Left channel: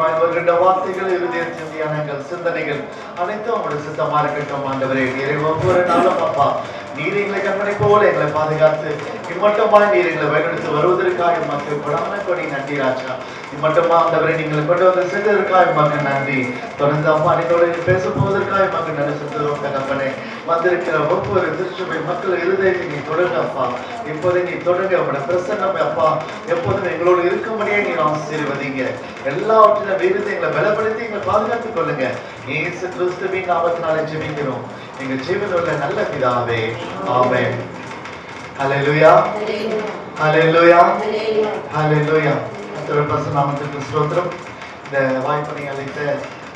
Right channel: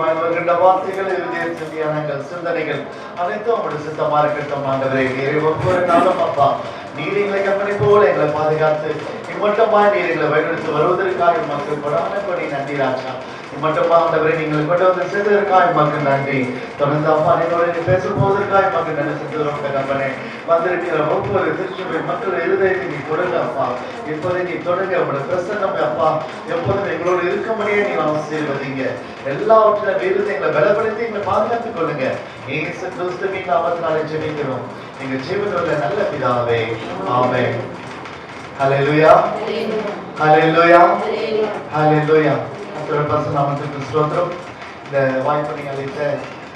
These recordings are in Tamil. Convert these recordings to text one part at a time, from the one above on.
ஆண்டவரே வருகின்ற வார்த்தைகள் இருதய சிந்தியானங்கள் சிந்தனைகள் அனைத்தும் உங்களுடைய சுத்தமா இருக்கட்டும் ஆண்டவரே. நிறைய ஒவ்வொரு நாளும் அப்பா. நீர் எங்களை கண்மணி போல எங்களை பாதுகாத்து மட்டுமா நீர் எங்களை வழிநடத்தி வருவதற்காக மக்கள் கொடாமப்படி நன்றி ராஜா. மட்டுமா ஆண்டவரை நீங்கள் கொண்டு வந்து சென்றதற்காக மக்கள் நன்றி. தொடர்ந்து அப்பா நீங்களோடு பேச போவதற்காக மக்கள் நன்றி சென்றோம் கண்மனே வந்திருக்கிற ஒவ்வொரு திருச்சுவை மக்கள் இருதயத்தை நீ தொடங்க அப்பா. இப்போதை நீ தொடங்க உங்களோட பிரசன்னம் அப்பா. எப்போதும் எங்களோடு இருக்கும்படியே நீ ஆசீர்வதிங்க. எல்லாவற்றிலும் இருந்து எங்களை பலப்படுத்தி எங்களை பாதுகாத்துக் கொள்ளுங்க. இயேசு கிறிஸ்துவின் நாமத்தினாலே ஜெபிக்கிறோம். எங்க ஜீவனில் நல்ல பிதாவே. ஆமே ஹalleluya ஹalleluya ஹalleluya கர்த்தருடைய பரிசுத்த நாமத்திற்கு ஸ்தோத்திரம். இந்த வாய்ப்பினை அளித்த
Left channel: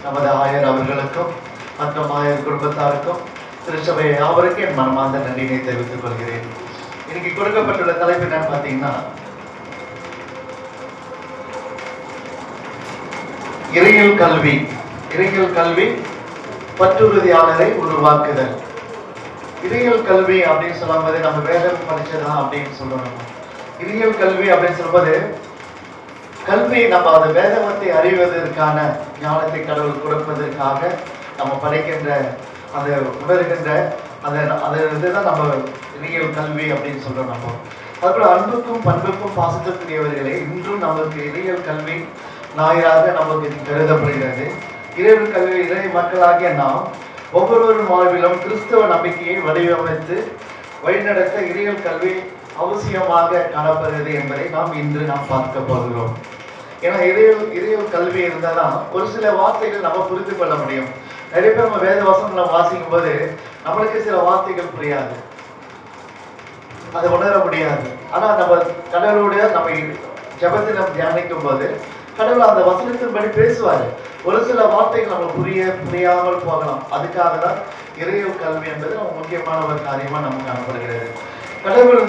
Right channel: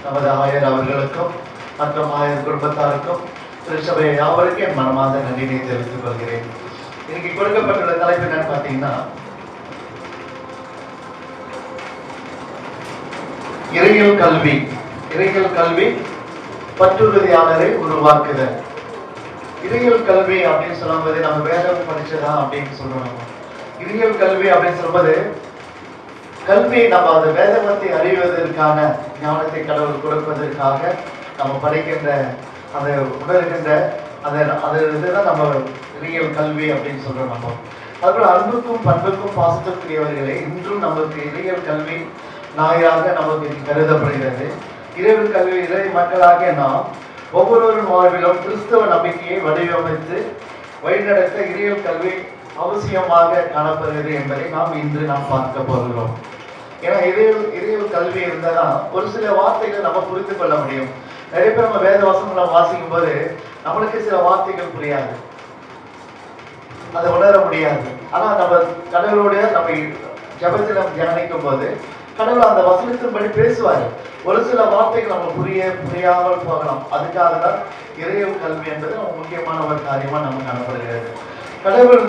நமது ஆயர் அவர்களுக்கும் மற்றும் ஆயர் குடும்பத்தாருக்கும் திருச்சபை யாவருக்கும் என் மனமார்ந்த நன்றியை தெரிவித்துக் கொள்கிறேன். இன்னைக்கு கொடுக்கப்பட்டுள்ள தலைப்பு என்னன்னு பார்த்தீங்கன்னா இறையியல் கல்வி. இறையியல் கல்வி பற்றுறுதியாளரை உருவாக்குதல். இறையியல் கல்வி அப்படின்னு சொல்லும்போது நம்ம வேதம் படிச்சதா அப்படின்னு சொல்லணும். இறையியல் கல்வி அப்படின்னு சொல்லும்போது கல்வி நம்ம அந்த வேதவத்தை அறிவதற்கான ஞானத்தை கடவுள் கொடுப்பதற்காக நம்ம படிக்கின்ற அதை உணர்கின்ற அதை அது இதுதான் நம்ம இறையியல் கல்வி அப்படின்னு சொல்றோம் நம்ம. அதுபோல் அன்புக்கும் பண்புக்கும் பாசத்திற்குரியவர்களே இன்றும் நமக்கு இறையியல் கல்வி நாயாக நமக்கு கருதப்படுகிறது. இறைவு கல்வி இறை மக்களாகிய நாம் ஒவ்வொருவரும் வாழ்விலும் கிறிஸ்தவ நம்பிக்கையை வடிவமைத்து வழிநடத்த இறையியல் கல்வி அவசியமாக காணப்படுகிறது என்பதை நாம் இன்று நாம் பார்க்க போகிறோம். ஏன்னா இறையல் இறையல் கல்வி இருந்தால் தான் ஒரு சில வார்த்தைகள் நம்ம புரிந்து கொள்ள முடியும். நிறைய பேர் நம்ம வேத வசங்களை நம்ம வாசிக்கும் போது நம்மளுக்கு சில வார்த்தைகள் புரியாது. அதை உணர முடியாது. ஆனால் நம்ம கடவுளுடைய நம்ம ஜபத்தில் நம்ம தியானிக்கும் போது கடவுள் அந்த வசனத்தின்படி பேசுவார். ஒரு சில வார்த்தைகள் நம்ம புரிய புரியாமல் போகலாம். அதுக்காக தான் இறைவு கல்வி என்பது நம்ம முக்கியமான ஒரு காரியமாக நமக்கு காணப்படுகிறது. கடவுள்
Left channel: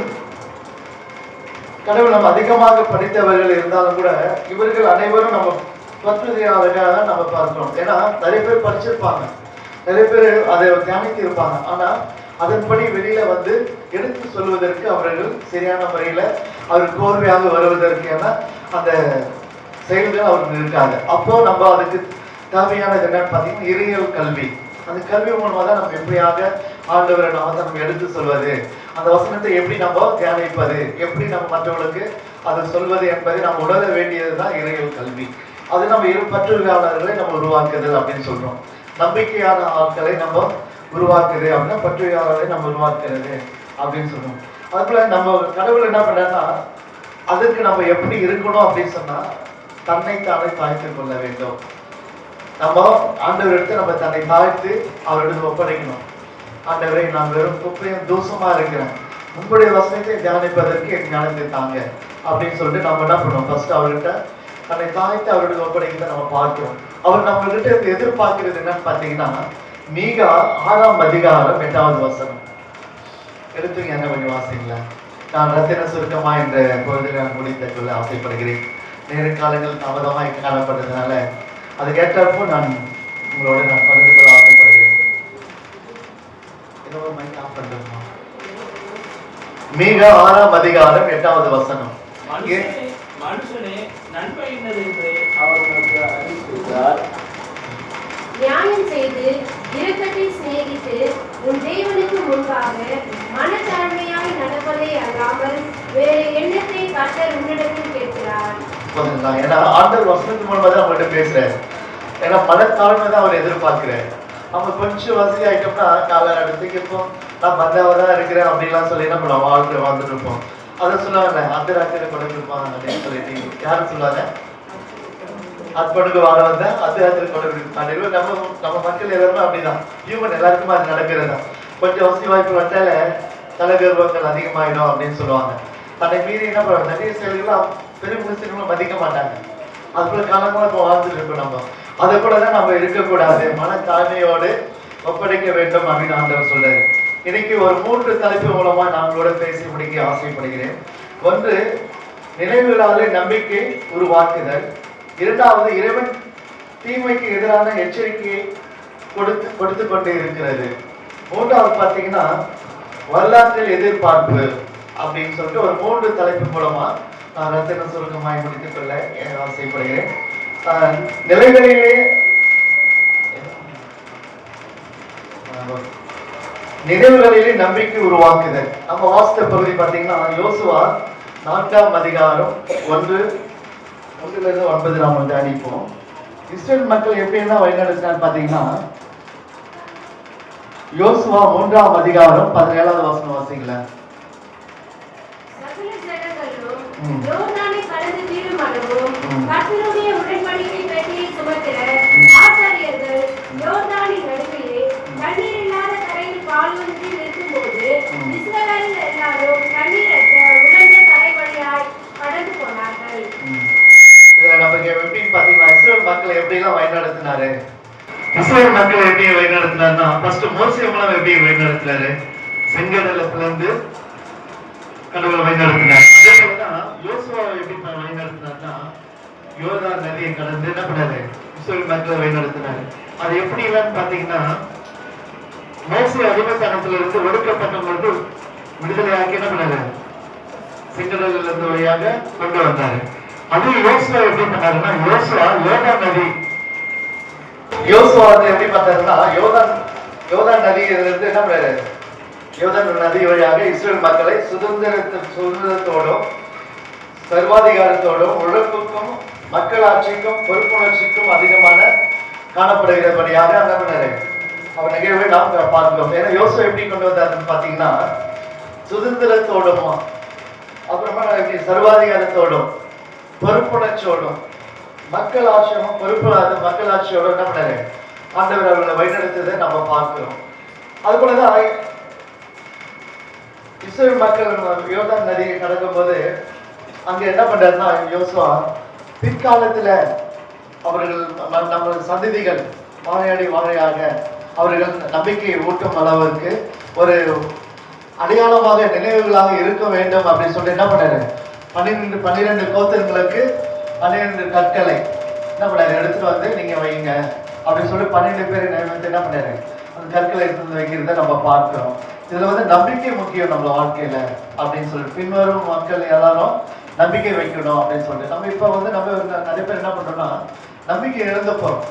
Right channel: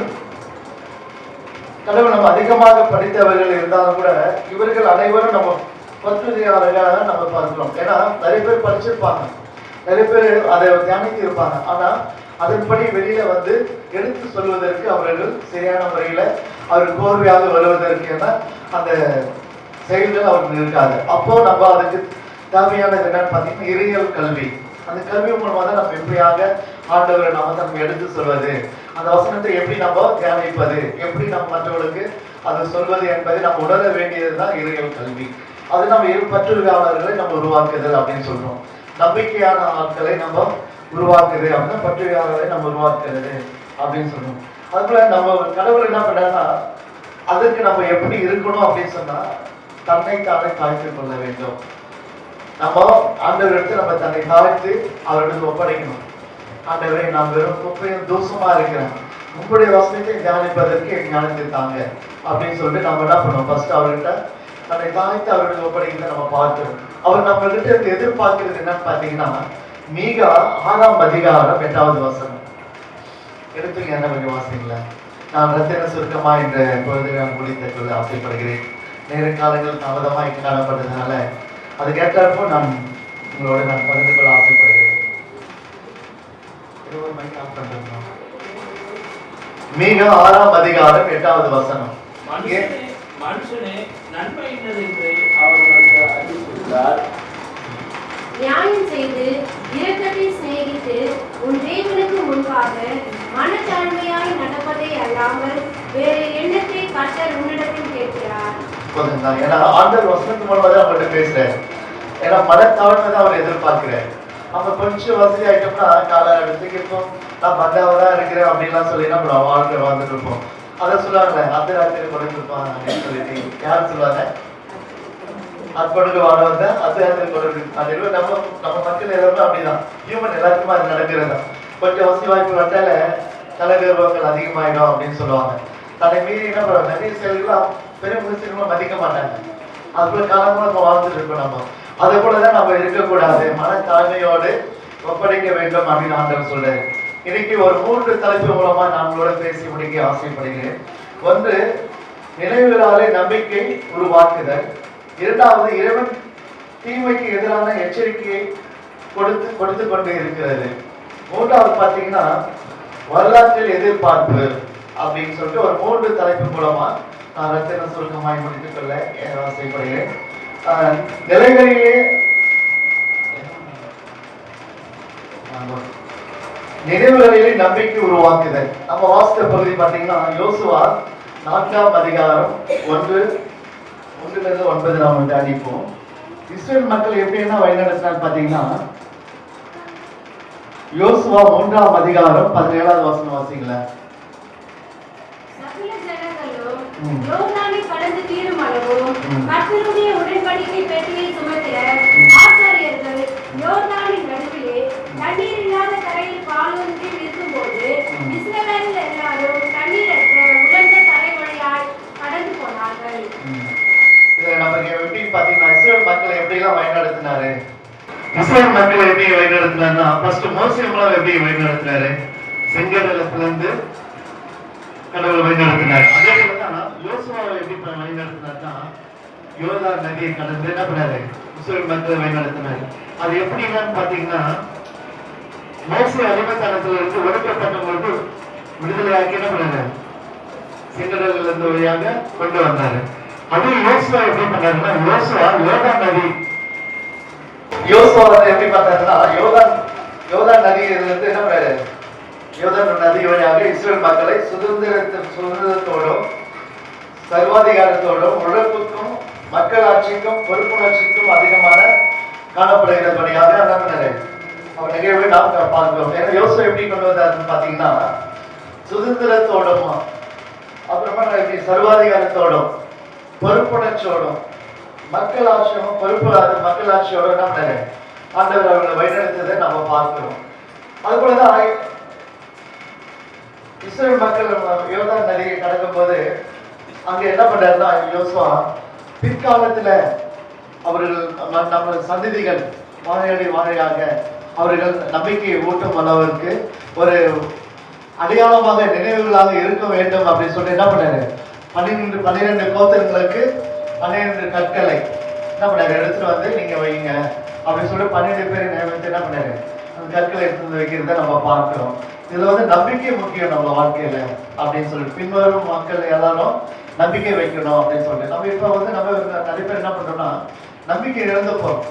கடவுள் நம்ம அதிகமாக படித்தவர்கள் இருந்தாலும் கூட இவர்கள் அனைவரும் நம்ம பத்திரிகையாளர்களாக நம்ம பார்க்கிறோம். ஏன்னா நிறைய பேர் படிச்சிருப்பாங்க. நிறைய பேர் அதை தியானித்து இருப்பாங்க. ஆனால் அதன்படி வெளியில வந்து எடுத்து சொல்வதற்கு அவர்கள் சரியான முறையில் அவர் கோர்வையாக வருவதற்கு ஏன்னா அந்த செயல்கள் அவர்கள் இருக்காது அப்போ நம்ம அதுக்கு தேவையானது என்னன்னு பார்த்தீங்கன்னா இறையல் கல்வி. அந்த கல்வி மூலமாக தான் நம்ம எப்படியாக ஆண்டவரை நாம நம்ம எடுத்து சொல்வது? அந்த வசனத்தை எப்படி நம்ம தியானிப்பது? எப்படி நம்ம மற்றவர்களுக்கு அதை சொல்வது என்பதை நம்ம உணர வேண்டியதுதான் இறையல் கல்வி. அது நம்ம இரு பற்றுவியாளர்களை நம்ம உருவாக்குதல் அப்படின்னு சொல்றோம். நம்பிக்கையான ஆட்களை நம்ம உருவாக்குது அப்படின்னா பற்றுவியாளர்களை நம்ம உருவாக்குறது அப்படின்னு சொல்றோம். அதுக்குள்ள நம்ம கடவுள் என்ன பண்றாருன்னா அதற்கு நம்ம எப்படி இருக்கணும் அப்படின்னு சொன்னா தன்னை தானே தாழ்த்திக் கொள்ள வேண்டும். நம்ம ஆண்டவரிடத்து நம்ம தன்னை தாழ்த்து அவரிடத்து ஒப்படைக்கணும். ஆண்டவரை நான் வெறும் குப்பையும் தூசமா இருக்கிறேன். உங்களுடைய வசனத்தை தியானிப்பதற்கு என் ஞானத்தை தாங்க. அப்படின்னு சொல்லிட்டு நம்ம என்ன பண்ணோம்? ஃபர்ஸ்ட் அவர்கிட்ட தன்னை தாழ்த்து அவரிடம் ஒப்படைக்கிறத நம்ம பார்க்கிறோம். அவர் நம்மகிட்ட இருந்து எதிர்பார்க்கிறது என்னன்னு பார்த்தீங்கன்னா மீகா ஆறாம் அதிகாரம் எட்டாவது வசனம். எடுத்துங்க என்ன கொஞ்சம் வாசிங்களா நான் ரத்தின சுருக்கமா என்ற பொழுது நான் முடித்த சொல்ல ஆசைப்படுகிறேன். நேர காலங்கள் தாமதமாக காணப்பட்டதுனால அது கேட்டப்போ நான் உங்களோட நான் பகிர்ந்து கொள்ள ஆசைப்படுகிறேன். இருபது மணிக்கு ஆஃப் பண்ணுறேன் மிக ஆறாம் அதிகாரம் எட்டாவது வசனம். மனுஷனே நன்மை அவர் நமக்கு செய்து இரக்கத்தை சிநேகித்து உன் தேவனுக்கு முன்பாக மனத்தாழ்மையாய் நடப்பதை அல்லாமல் வேறு எண்ணத்தை உன்னிடத்தில் கேட்கிறார் ஏன்னா ஆண்டவர் வசனத்தின் மூலமாக தான் அவங்கள்ட்ட பேசுறாரு. ஏன்னா மனத்தாழ்மை தான் அவர் எதிர்பார்க்கிறார். நம்ம கொஞ்சம் வசதி ஆகிட்டோம்னா காலை எடுத்துக்கு இப்போ நான் பந்தாவா தான் இருக்கிறேன் அப்படின்லாம் சொல்லி நம்ம வாழ்க்கை வாழ்ந்துட்டு இருப்போம். அதை சொல்லுவாங்க அந்த ராத்திரி கொடுத்துருப்பாங்க அப்படின்னு சொல்லிட்டு. யார் சொல்லுவாங்க? அற்பனுக்கு வாழ வந்தா அது ராத்திரி கொடுக்கு அப்படின்னு நம்ம நம்ம மக்கள் எல்லாருமே அப்படிதான். ஹியூமன் எல்லாருக்குமே அது நடக்கிறது தான் கொஞ்சம் வசதி வாய்ப்பு வந்தால தலைகர்வங்கள் அதிகமாயிடும் அப்படின்னு சொல்லுவாங்க. தன்னை மீறி என்ன பண்ணுவாங்க? நிறைய செயல்கள் பெரிய மனுஷங்களும் மதிக்க மாட்டாங்க. அதுக்குள்ள காலமா நம்ம வாழ்ந்துட்டு இருக்கோம் நம்ம. அது போல தான் நம்ம இருக்கக்கூடாது. மன தாழ்மையோடு ஒப்படைக்க வேண்டும் அப்படின்னு ஆண்டவர் சொல்ல இன்னைக்கு ஒரு மூன்று தலைப்பு மூலமா நான் பேசி முடிக்க ஆசைப்படுகிறேன். ஒன்று நினைவுகளாலே நம்பிக்கை உருவாக்குதல். இரண்டாவது இறைவன் தீமைக்கு எதிரான எச்சரிக்கையை கொடுத்து கொடுத்து கொண்டே இருக்கிறது. மூன்றாவது பார்த்தீங்கன்னா வரலாற்றில் எதிர்பார்ப்பு. அப்படின்னு சொல்லிட்டு ஒரு மூன்று தலைப்பு மூலமா நான் ரத்தின சுருக்கமாய் முடித்துக் கொள்ள ஆசைப்படுகிறேன் ஆஹ், நிலைகளிலே நினைவுகளிலே நம்பிக்கை உருவாக்குதல். நம்ம வாசித்த பகுதி பார்த்தீங்கன்னா யோசுவா நான்காம் அதிகாரம் ஒன்று ஒன்றுலேருந்து ஒன்பது நாம் தியானிப்போம் இஸ்ரேல் மக்கள் எப்படின்னா வழிநடத்தினான்னு பார்த்தீங்கன்னா யோசுவா மூன்றாம் அதிகாரம் பதினேழாவது வசனம் வாசிங்களேன். ஜனங்களும் ம். யோர்தானை கடந்து தீரும் அளவும் ம். கர்த்தருடைய உடன்படிக்கை பெட்டியை சுமக்கிற ம். ஆசாரியர்கள் யோர்தானின் நடுவிலே தண்ணீர் இல்லாத கரையில் பாலொன்றி நிற்கும்போது ம். இஸ்ரவேலர் எல்லாரும் தண்ணீரற்ற உலர்ந்த தரை வழியாய் கடந்து போனார்கள் இதுல நமக்கு எப்படி பாத்தீங்கன்னா இஸ்ரேல் மக்கள் எப்படிலாம் வழிநடத்தினாரு இஸ்ரேல் மக்கள் எப்படி வழிநடத்தினாருன்னா ஃபர்ஸ்ட் மோசே மூலம் எப்படி வழிநடத்தினாரு செங்கடல பிளந்து கடவுளை வழிநடத்தினார் அதே யோசுவாவை எப்படி ப- வழிநடத்தினார்னா யோதா நதியை கடந்து என்ன பண்ணாரு? இஸ்ரேல் மக்களை வழிநடத்தினாரு அது எப்படின்னு பாத்தீங்கன்னா மோசி அடிமைத்தனத்துல இருந்து ஒடுக்கப்பட்ட போது விடுதலையாக்கி என்ன பண்ணாரு? செங்கடல இருந்து வழியாக கொண்டு வந்தாரு. அது யோசுவா எப்படி பண்ணாருன்னா யோசுவா யோதா நதி. யோசுவா வந்து எப்படி பார்த்தாருன்னா யோர்தான் யோதா நதி இருந்து என்ன பண்ணாரு? யோதா நதி வழியாக இஸ்ரேல் மக்களை சுதந்திரத்து சுதந்திரத்தோடும் சர்வாதிகாரத்தோடும் உழைப்புக்கும் மக்களாட்சிக்கும் பொறுப்புணர்ச்சிக்கும் அதிகமான காணப்படுகிறபடியாக என்ன பண்ணாரு அவர் நிகழ்வை நாம் பார்க்கிறோம். ஏன்னா யோசனை எப்படி கொண்டு வந்தாருன்னு பார்த்தீங்கன்னா சுதந்திரத்தோடும். அப்புறமா சர்வாதிகாரத்தோடும் பொறுப்புணர்ச்சியோடும் மக்கள் ஆட்சியும் பொறுப்பு மக்கள் ஆட்சியோட என்ன ஆண்டவர் அவர்களை வழிநடத்ததை நம்ம பார்க்கிறோம். அது போலதான் இஸ்ரேல் மக்கள் யோகா நதியை கடக்கும் போது அங்க என்ன பண்றாருன்னா யோசுவா பிற்காலத்துல அவர்கள் நம்ம சந்ததிகள் வாழையடி வாழையாக அவர்கள் நம்பிக்கையை ஊட்டும் அளவிற்கு ஒரு அடையாளமாக நினைவுகளாக இருக்க வேண்டும் அப்படின்னு சொல்லிட்டு என்ன பண்ணாரு? பன்னிரெண்டு பன்னிரெண்டு கோத்திரங்களுக்கு பன்னிரெண்டு கற்களை என்ன பண்ணாரு? எடுத்துட்டு வந்து நீங்க வைங்க அப்படின்னு சொல்லி பன்னிரெண்டு பேர் நியமித்து என்ன பண்ணாரு? அந்த கற்களை எடுத்து வைக்கிறத நம்ம பார்க்கிறோம். இதுல வந்து நம்பிக்கை முக்கியம் நம்ம வாழ்க்கையில அப்படின்னு சொல்லி பின்வரும் மக்கள் எல்லாரும் நம்பிக்கை வைக்கணும் அப்படின்னு சொல்லிட்டு. நம்ம இப்போ வந்து நம்ம நிறைய பேர் என்ன பண்ணுறோம்னா நம்பிக்கை இழந்து போகிறோம்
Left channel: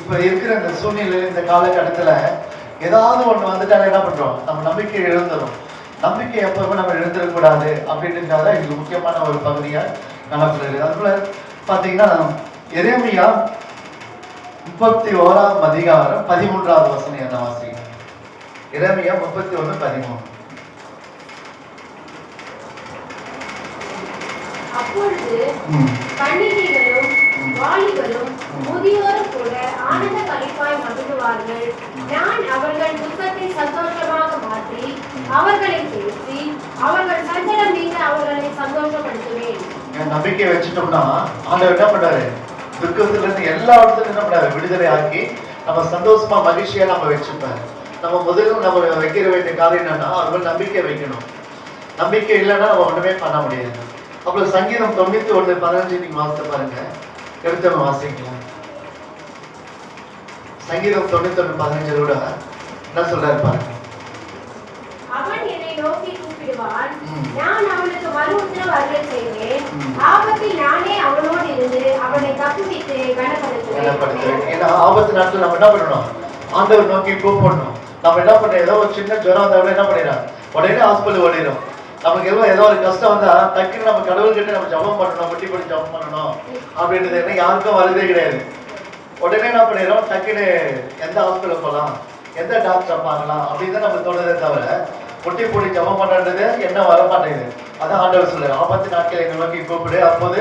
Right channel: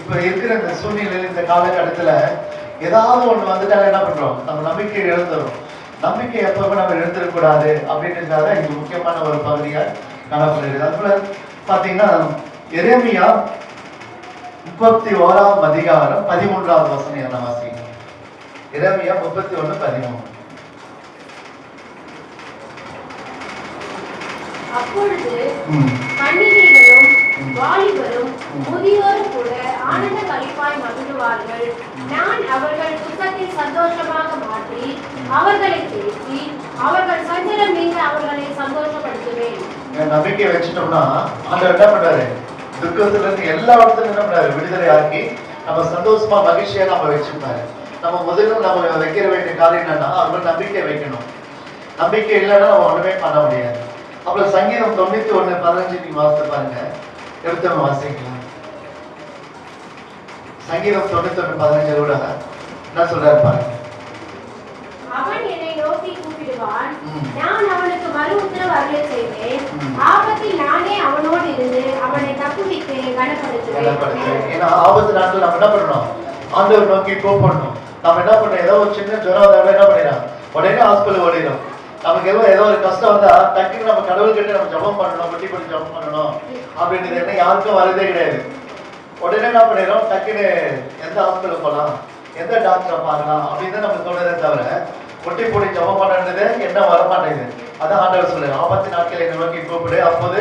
இப்போ இருக்கிற இந்த சூழ்நிலை இந்த காலகட்டத்தில் ஏதாவது ஒன்று வந்துட்டாலே என்ன பண்ணுறோம் நம்ம நம்பிக்கை இழந்துடும் நம்பிக்கை எப்பவுமே நம்ம இழந்துடக்கூடாது அப்படின்றதுக்காக இது முக்கியமான ஒரு பகுதியாக காணப்படுகிறது அதுல பார்த்தீங்கன்னா எரேமியா முப்பத்தி ஓராம் அதிகாரம் பதிமூன்றாவது வசனம் என்ன வாசிங்க. எரேமியா முப்பத்தி ஒன்று பதிமூணு. அப்பொழுது ம். கன்னிகைகளும் வாலிபரும். முதியோரும் கூட ஆனந்த களிப்பாய் மகிழ்வார்கள். நான் அவர்கள் துக்கத்தை சந்தோஷமாக மாற்றி அவர்களை பேசி அவர்கள் சஞ்சலம் நீங்க அவர்களை சந்தோஷப்படுத்துவேன். நம்பிக்கை வச்சுட்டோம்னா ஆண்டவர் என்ன பண்றாரு துக்கத்துல இருந்து எல்லா இடத்துல என்ன பண்றாரு விடுதலை ஆக்கி நம்ம சந்தோஷமா மகிழ்ச்சியா நம்ம வச்சுப்பாரு. நம்ம முதல்ல நம்ம வைக்கிற வேண்டிய காரியம் என்னன்னா அவர் நம்பிக்கை வைக்கணும். நம்பிக்கை இல்லைன்னா நம்ம ஒண்ணுமே பண்ண முடியாது. அப்புறம் சங்கீதம் தொண்ணூத்தி ஒண்ணு பதினஞ்சு நீங்க வாசித்து பாருங்க. எடுத்தவங்க வாசிக்கலாம். சங்கீதம் தொண்ணூத்தி ஒண்ணு பதினஞ்சு கூட என்ன சொல்றாரு பாருங்க. அவன் என்னை நோக்கி கூப்பிடுவான். நான் அவனுக்கு மறு உத்தரவு அருளை செய்வேன். ம். ஆபத்தில் நானே அவனோடு இருந்து அவனை தப்புவித்து கனப்படுத்துவேன். ஏன்னா ஆபத்து நாட்கள் நம்ம என்ன பண்ணணும்? ஆண்டவர் நோக்கி கூப்பிடணும் நம்ம என்ன பண்றோம் ஏதோ ஒரு சின்ன ஜுரம் என்ன பண்ணிடலாம்? உடனே ஹாஸ்பிட்டல் ஓடிடும் நமக்கு எல்லாம் ஏதோ ஒரு கஷ்டம் வந்தா டக்குன்னு நம்ம கடவுள் கிட்ட நம்ம ஜபம் பண்ணணும் குட்டி போட்டு ஜபம் பண்ணணும் அப்படின்றது என்ன யாருக்கும் வரதே கிடையாது. உடனே என்ன பண்ணிடுறோம்? டக்குன்னு எந்த ஹாஸ்பிட்டல் போகலாம் எந்த டாக்டரை பார்க்கலாம் அப்படின்னு தான் நமக்கு தோணுதே தவிர முட்டி போட்டு ஜபம் பண்ணுறது என்ன வர மாட்டேங்குது அதான் ஆண்டவர் சொல்லு ஆபத்து நாட்கள் என்னை நோக்கி கூப்பிடு அப்போது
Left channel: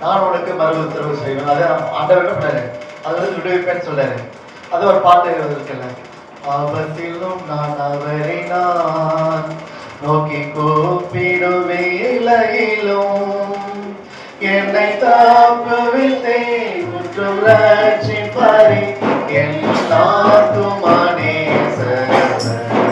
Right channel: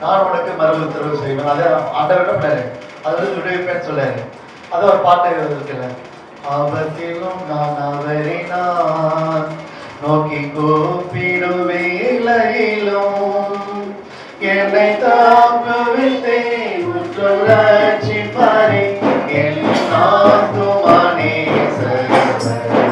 நான் உனக்கு மறு உத்தரவு செய்வேன். அதே ஆண்டவர் பண்ணாரு? அது வந்து விடுவிப்பேன்னு சொல்லாரு. அது ஒரு பாட்டு இருக்குல்ல ஆபத்திலும் நான் அவரை நான் நோக்கி கூப்பிடுவேலையிலும் என்னை தாக்குவித்தேன் முற்றும் ரட்சிப்பாரே என் நாத்துமானே என்னை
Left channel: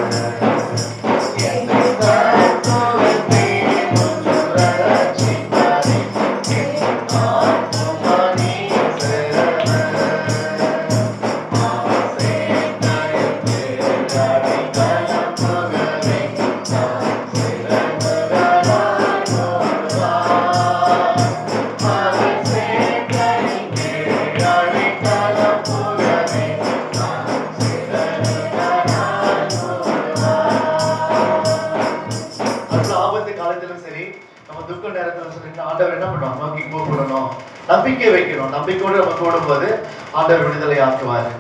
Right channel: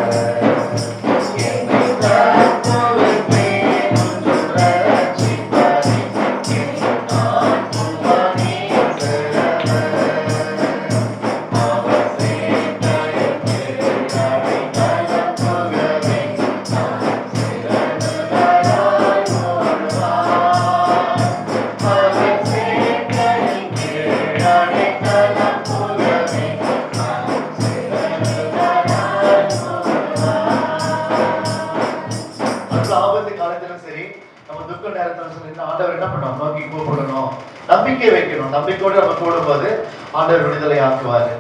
துக்க நேரத்திலும் சரி இந்த ஆண்டவர் என்ன பண்ணணும் நோக்கி கூப்பிடணும். நம்பிக்கை வைக்கணும். நம்பிக்கையோடு நம்ம கூடும்போது ஆண்டவர் விடுதலை ஆக்குவார்.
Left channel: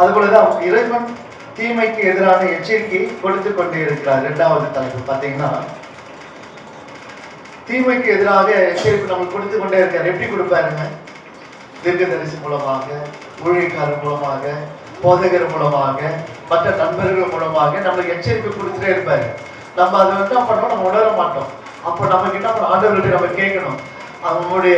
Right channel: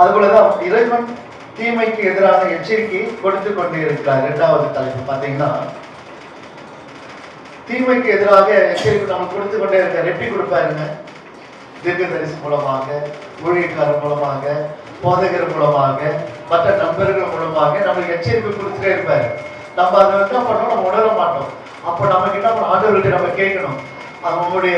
அதுபோலதான் இறைவன் தீமைக்கு எதிரான எச்சரிக்கை கொடுத்து கொண்டே இருக்கிறார் இரண்டாவது தலைப்பு பார்த்தீங்கன்னா தீமைக்கு எதிராக எச்சரிக்கை நம்ம கொடுத்து கொண்டே இருக்கார். எப்படி கொடுப்பாருங்க தீர்க்கதரிசி மூலமாக ஊழியக்காரர் மூலமாக போதகர் மூலமாக மற்ற நண்பர்கள் மூலமாக நம்மளுக்கு எச்சரிக்கை கொடுத்துட்டே இருப்பாரு. நம்ம அதை என்ன பண்ணோம் நம்ம உணர மாட்டோம். அப்போ நம்ம கிட்ட பண்ணணும் ஆண்டவர்கிட்ட நம்ம கேட்கணும். அவங்களுடைய